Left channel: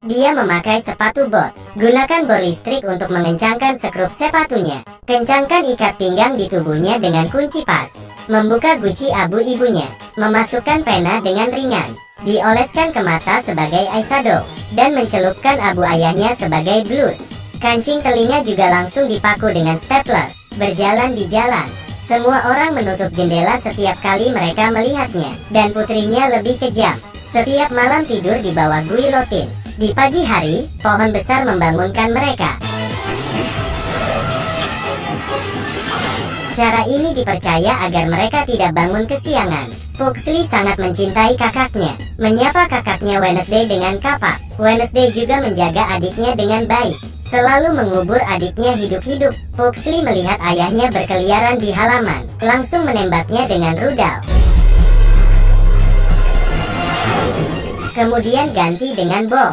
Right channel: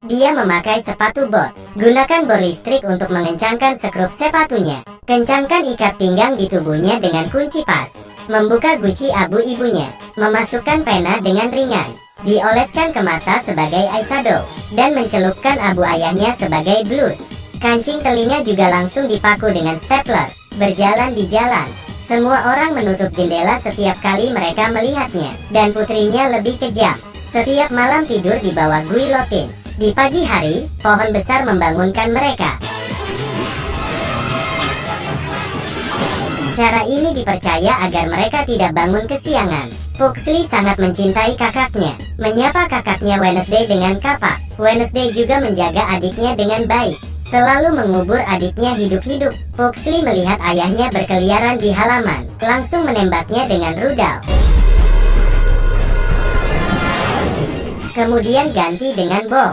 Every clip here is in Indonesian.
Dia memakai sepatu bot. Gunakan bor listrik untuk mengencangkan sekrup sepatunya. Kencangkan ikat pinggang di tubuhnya dengan kunci pas. Membuka guci abu ibunya. Memasukkan pena dengan ringan. Dioleskan ke mata sebagai eyeshadow. Dan mencelupkan abu ayahnya sebagai blus. Kancing telinga juga langsung dipaku dengan stapler. Berjalan di jalan. Semua orang menutup jendela setiap kali mereka melihatnya. Dan putrinya lebih kejam. Setiap malam tidur di bawah guillotine. Di pagi hari, pohon besar membangunkan mereka. Cara ini dipercaya agar mereka tidak bangun kesiangan. Pugsley sangat mencintai kakaknya. Menyapa kakaknya Wednesday dengan kapak. Wednesday juga menjaga adiknya dengan baik. Selalu mengubur adiknya hidup-hidup. Pugsley melihat ayahnya berkeliaran di halaman. Langsung menembaknya dengan rudal. Kemudian ganti dengan bom.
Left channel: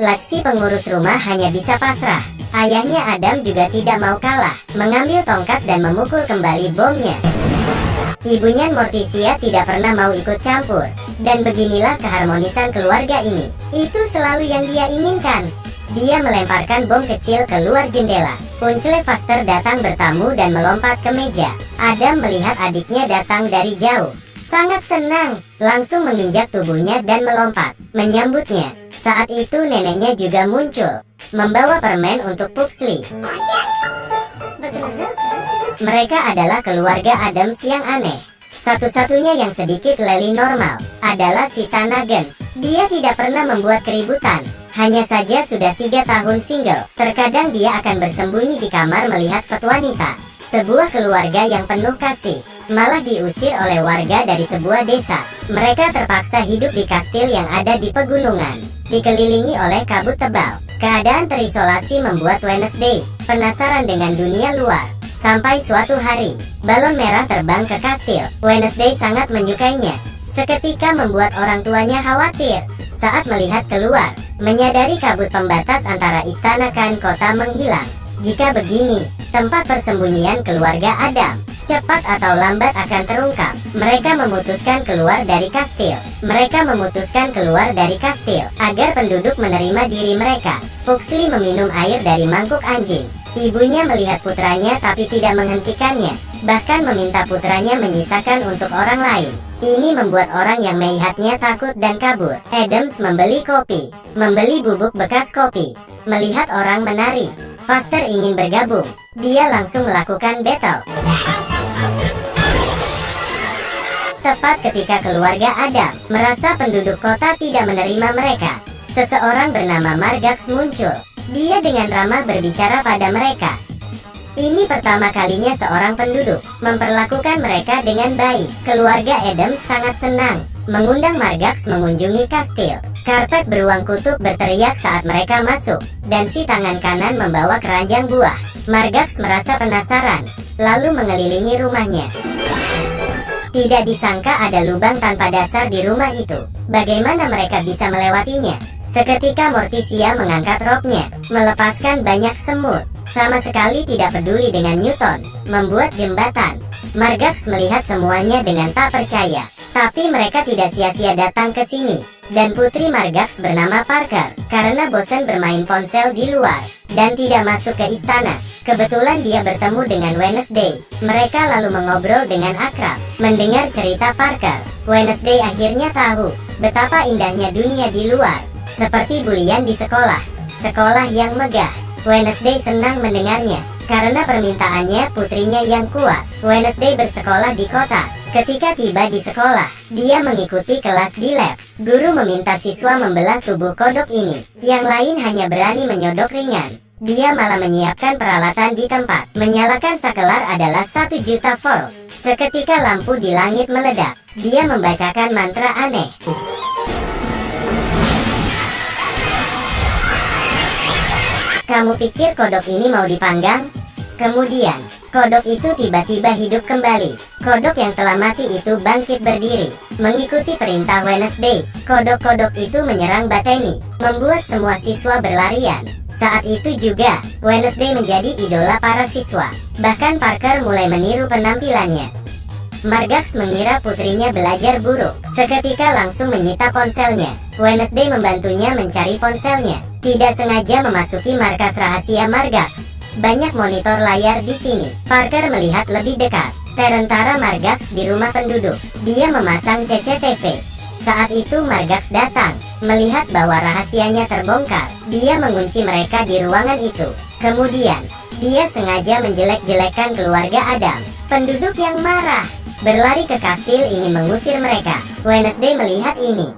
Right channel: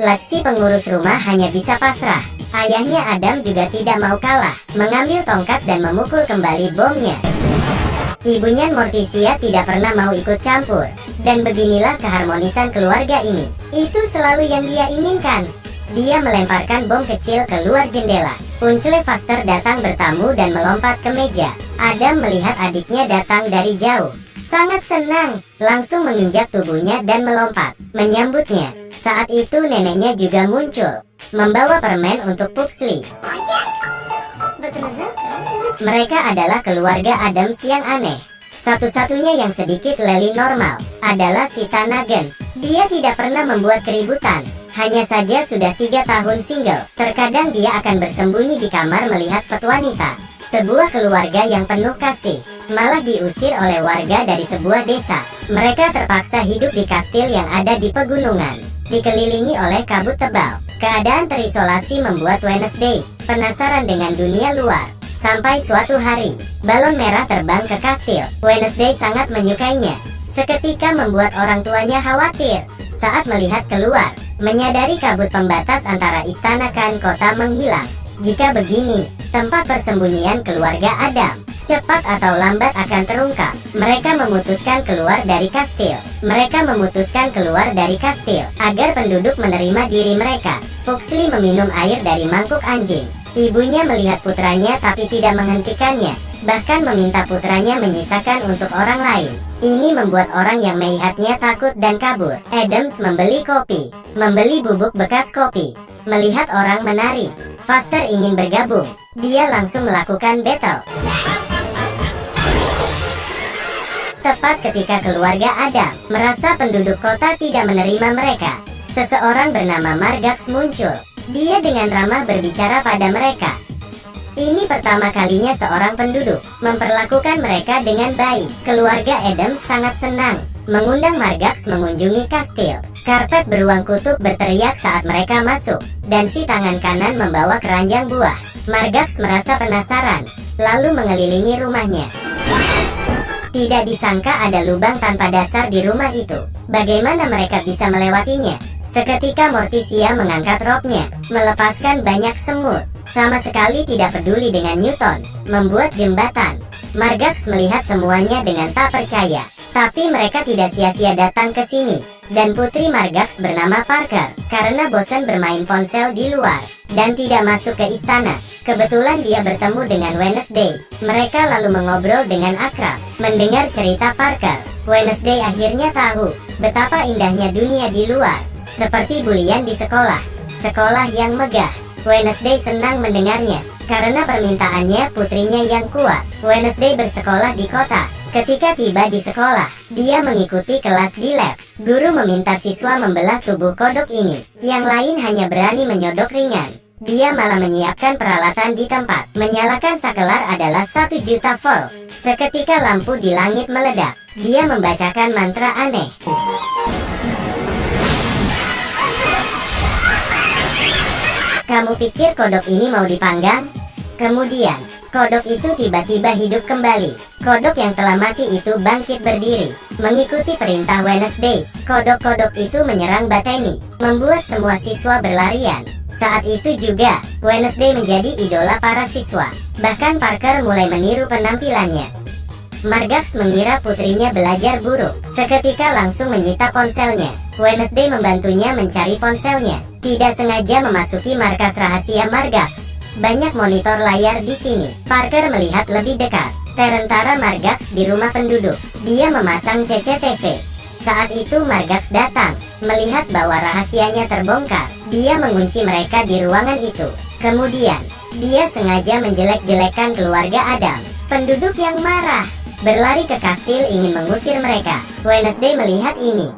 Lexi pengurus rumah hanya bisa pasrah. Ayahnya Adam juga tidak mau kalah. Mengambil tongkat dan memukul kembali bomnya. Ibunya Morticia tidak pernah mau ikut campur. Dan beginilah keharmonisan keluarga ini. Itu selalu yang dia inginkan. Dia melemparkan bom kecil keluar jendela. Uncle Faster datang bertamu dan melompat ke meja. Adam melihat adiknya datang dari jauh. Sangat senang, langsung menginjak tubuhnya dan melompat, menyambutnya. Saat itu neneknya juga muncul, membawa permen untuk Pugsley. Mereka adalah keluarga Adams yang aneh. Satu-satunya yang sedikit leli normal adalah si Tanagen. Dia tidak pernah membuat keributan. Hanya saja sudah 3 tahun single. Terkadang dia akan bersembunyi di kamar melihat foto wanita. Sebuah keluarga yang penuh kasih, malah diusir oleh warga dari sebuah desa. Mereka terpaksa hidup di kastil yang ada di pegunungan, dikelilingi oleh kabut tebal. Keadaan terisolasi membuat Wednesday penasaran dengan dunia luar. Sampai suatu hari, balon merah terbang ke kastil. Wednesday sangat menyukainya. Seketika membuat orang tuanya khawatir saat melihat keluar, menyadari kabut pembatas antara istana dan kota menghilang. Jika begini, tempat persembunyian keluarga Adam cepat atau lambat akan terungkap. Mereka memutuskan keluar dari kastil. Agar penduduk menerima diri mereka. Pugsley meminum air dari mangkuk anjing. Ibunya melihat putranya tapi tidak menghentikannya. Bahkan meminta putranya menyisakan untuk orang lain. Ini membuat orang yang melihatnya takut dan kabur. Adams membeli kopi, membeli bubuk bekas kopi. Melihat orang menari, Faster ingin bergabung. Dia langsung melakukan battle. Tepat ketika keluarga Adam merasa penduduk kota tidak menerima mereka, seseorang bernama Margax muncul. Dia dengan ramah berbicara pada mereka. Ini pertama kalinya seorang penduduk memperlakukan mereka dengan baik. Keluarga Adams sangat senang mengundang Margax mengunjungi kastil. Karpet beruang kutub berteriak saat mereka masuk, dan si tangan kanan membawa keranjang buah. Margax merasa penasaran, lalu mengelilingi rumahnya. Tidak disangka ada lubang tanpa dasar di rumah itu. Bagaimana mereka bisa melewatinya? Seketika Morticia mengangkat roknya, melepaskan banyak semut. Sama sekali tidak peduli dengan Newton, membuat jembatan. Margax melihat semuanya dengan tak percaya. Tapi mereka tidak sia-sia datang ke sini. Dan putri Margax bernama Parker, karena bosan bermain ponsel di luar, dan tidak masuk ke istana. Kebetulan dia bertemu dengan Wednesday. Mereka lalu mengobrol dengan akrab. Mendengar cerita Parker, Wednesday akhirnya tahu betapa indahnya dunia di luar. Seperti bulian di sekolah yang megah. Wednesday senang mendengarnya, karena permintaannya putrinya yang kuat. Wednesday bersekolah di kota. Ketika tiba di sekolah, dia mengikuti kelas di lab. Guru meminta siswa membelah tubuh kodok ini. Yang lain hanya berani menyodok ringan. Dia malah menyiapkan peralatan di tempat. Menyalakan sakelar adalah 1 juta volt. Seketika lampu di langit meledak. Dia membacakan mantra aneh. Kamu pikir kodok ini mau dipanggang? Kemudian, kodok itu tiba-tiba hidup kembali. Kodok yang telah mati itu bangkit berdiri. Mengikuti perintah Wednesday, kodok-kodok itu menyerang Bethany, membuat semua siswa berlarian. Saat itu juga, Wednesday menjadi idola para siswa. Bahkan Parker mulai meniru penampilannya. Margax mengira putrinya belajar buruk. Seketika langsung menyita ponselnya. Wednesday membantunya mencari ponselnya. Tidak sengaja memasuki markas rahasia Margax. Banyak monitor layar di sini. Parker melihat lebih dekat. Tentara Margax di rumah penduduk. Dia memasang CCTV. Saat itu Margax datang, melihat bahwa rahasianya terbongkar. Dia mengunci mereka di ruangan itu. Kemudian, dia sengaja menjelek-jelekan keluarga Adam. Penduduk yang marah, berlari ke kastil ingin mengusir mereka. Wednesday melihat ini.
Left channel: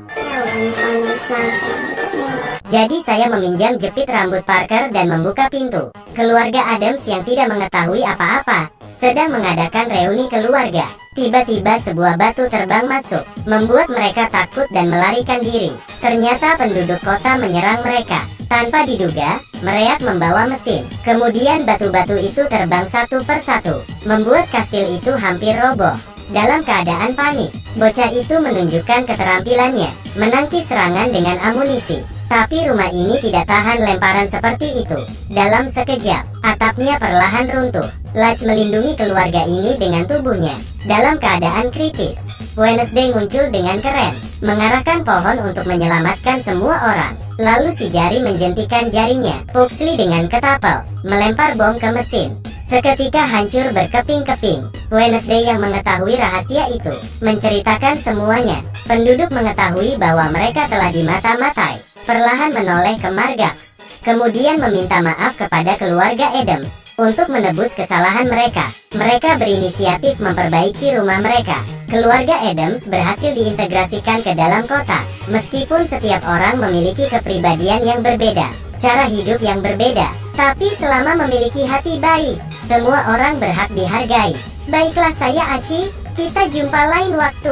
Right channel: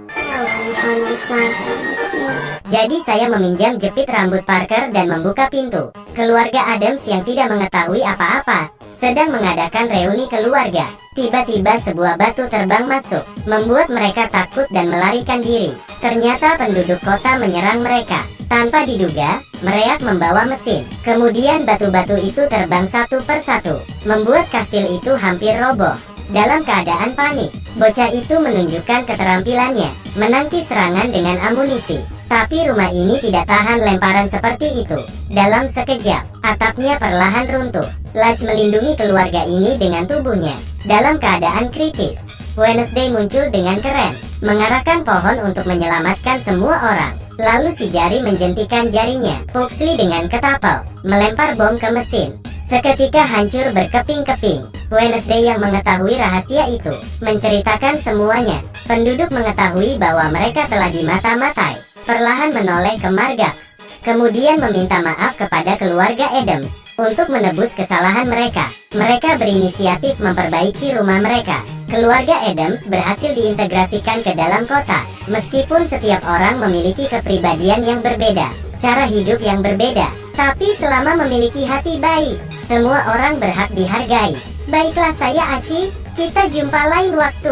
Jadi saya meminjam jepit rambut Parker dan membuka pintu. Keluarga Adams yang tidak mengetahui apa-apa sedang mengadakan reuni keluarga. Tiba-tiba sebuah batu terbang masuk, membuat mereka takut dan melarikan diri. Ternyata penduduk kota menyerang mereka. Tanpa diduga, mereka membawa mesin. Kemudian batu-batu itu terbang satu persatu, membuat kastil itu hampir roboh. Dalam keadaan panik, bocah itu menunjukkan keterampilannya, menangkis serangan dengan amunisi. Tapi rumah ini tidak tahan lemparan seperti itu. Dalam sekejap, atapnya perlahan runtuh. Lach melindungi keluarga ini dengan tubuhnya. Dalam keadaan kritis, Wednesday muncul dengan keren, mengarahkan pohon untuk menyelamatkan semua orang. Lalu si jari menjentikan jarinya. Pugsley dengan ketapel, melempar bom ke mesin. Seketika hancur berkeping-keping. Wednesday yang mengetahui rahasia itu, menceritakan semuanya. Penduduk mengetahui bahwa mereka telah dimata-matai. Perlahan menoleh ke Margax. Kemudian meminta maaf kepada keluarga Adams untuk menebus kesalahan mereka. Mereka berinisiatif memperbaiki rumah mereka. Keluarga Adams berhasil diintegrasikan ke dalam kota. Meskipun setiap orang memiliki kepribadian yang berbeda, cara hidup yang berbeda, tapi selama memiliki hati baik, semua orang berhak dihargai. Baiklah saya Aci, kita jumpa lain waktu.